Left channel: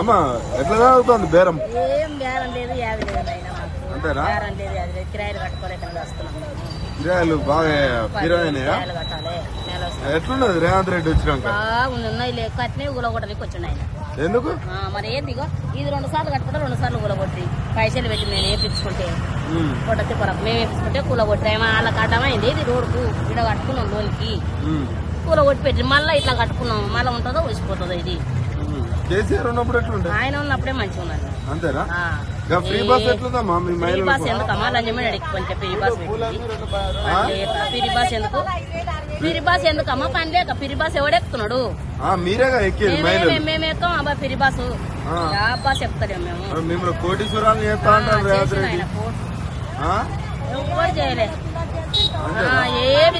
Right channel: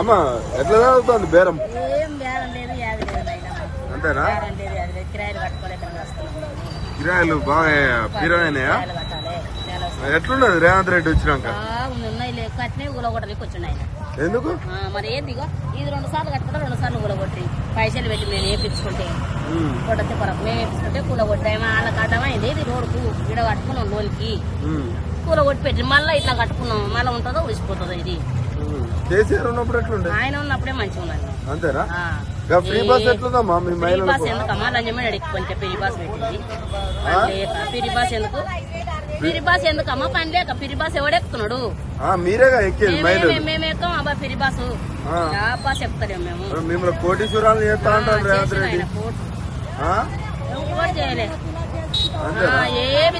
అమ్మ ఎట్లా తాగుతుంది బేరం? ఏం బేరం లేదు యాది లేదు అయినా మాకు. అంతేనా? బేరం లేదు యాది లేదు. కిరాయిలు కట్టుకోలేక వస్తున్నాం మేము. కిరాయిలు బాగా వస్తుంది. ఎట్లున్నది? రేవంత్ రెడ్డి వచ్చినాక? బాగుంది ఉన్నాయి కట్టినవి ఊలగొట్టడానికి వచ్చిండు ఆయన. ఎందుకు? మరి ఏంది ఇగో? ఇది రెండు సార్లు కట్టుకుంటే రెండు సార్లు ఊలగొట్టి పైసలు పెట్టి మేము వేపించుకుంటే కొట్టతే పొరకు మేము వేపించుకుంటే కూలగొట్టి వాళ్ళకి అడ్డమైంది ఇది రోడ్డుకు ఇడ కట్టుకున్నాం లోన్కి ఉమ్, కూలగొట్టి పెట్టి మళ్ళీ ఇట్లా కట్టుకున్నాం. మళ్ళీ ఉంటుందో వచ్చిపోతుందో ఇది. ఆయన ఉన్నప్పుడే మంచిగా ఉన్నాను ఫ్రీ బస్ ఈ- ఎట్లుందమ్మా మీ ఫ్రీ బాస్ పెట్టింది. పని లేక ఫ్రీ బాస్ ఎందుకు? ఫ్రీ బాస్ ఎందుకు అమ్మా పని లేక ఫ్రీ బాస్ ఎవడెక్కుతున్నాడు మేమే మేము- ఎక్కాం అబ్బా ఫ్రీ బాస్. బాస్ ఎక్కుతలేము మేము. చేసిన ఆయన? ఎవరు చేయలే.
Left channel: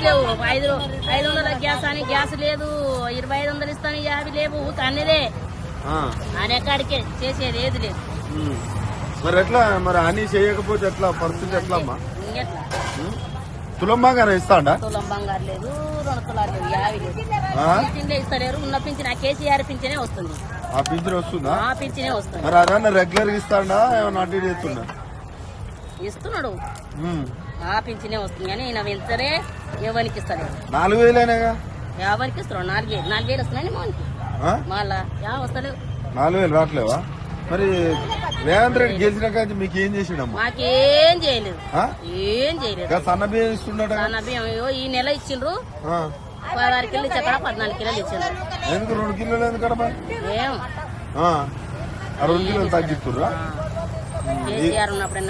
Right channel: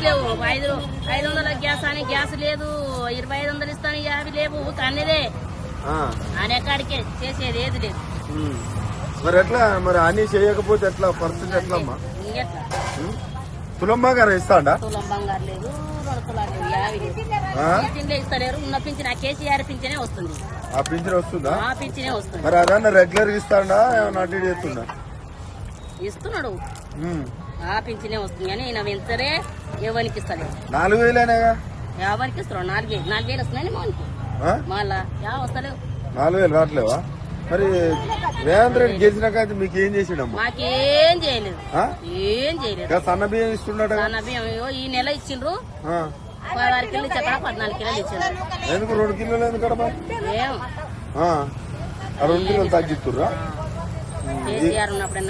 లేవు. ఐదు ఐదు వందల గ్యాస్ అని గ్యాస్ లేదు. ఇరవై ఐదు వందలు ఇస్తాను యాభై లేవు. అన్నదే ఆయన ఎక్కడికే చేసేది ఏది లేదు. మరి ఎట్లా? మరి అన్ని చేయకపోతే ఎట్లా? పరిస్థితి ఎట్లా అమ్మా? ఇంకెట్లా? ఉమ్? తులం బాగా ఇస్తాడా? తులం బంగారు లేదు రెండు తులాలు లేవు యాభై లేదు? పింఛన్లే ఇస్తలేరు. ఉన్న పింఛన్ ఆ కేసీఆర్ పింఛనే వస్తుంది. ఆ పింఛన్ వస్తుందా? ఆ పింఛనే వస్తుంది. మరి అదన్నా రెగ్యులర్ ఇస్తాడా? ఏమన్నా అటు చేస్తుందా ఇస్తున్నాడు. ఆ పింఛనే వస్తుంది. కానీ ఈయన వెంచరే ఎవరికి ఇస్తలేరు నాలుగు ఎవరికి ఇస్తున్నాడు నాలుగు వేలు. నాలుగు వేలు వస్తున్నాయి మోనికి? మళ్ళా? యా వస్తలేవు? నాలుగు వేలు రావట్లేవా? మరి రేవంత్ రెడ్డి గెలిచినాక అయితే మీకు ఏం చేసిండమ్మా? మాకేం చేయలేదు? ఏం చేయలేదు. సన్న బియ్యం ఇస్తున్నాడు? ఈ నెల ఇచ్చిండ్రు. పదహారు కిలోలు ఇచ్చి అక్కడ పద్నాలుగు కిలోలు ఇచ్చిండ్రు. ఎందుకు రెండు కిలోలు ఎందుకు మరి ఏం? ఆ. రెండు కిలోలు తగ్గిస్తున్నారు ఆ. కేసీఆర్ ఉన్నప్పుడే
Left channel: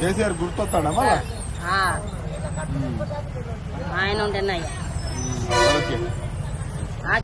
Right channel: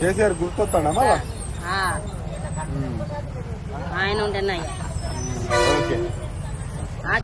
కేసీఆర్ గుర్తొస్తాడమ్మా. ఆయన ఉండే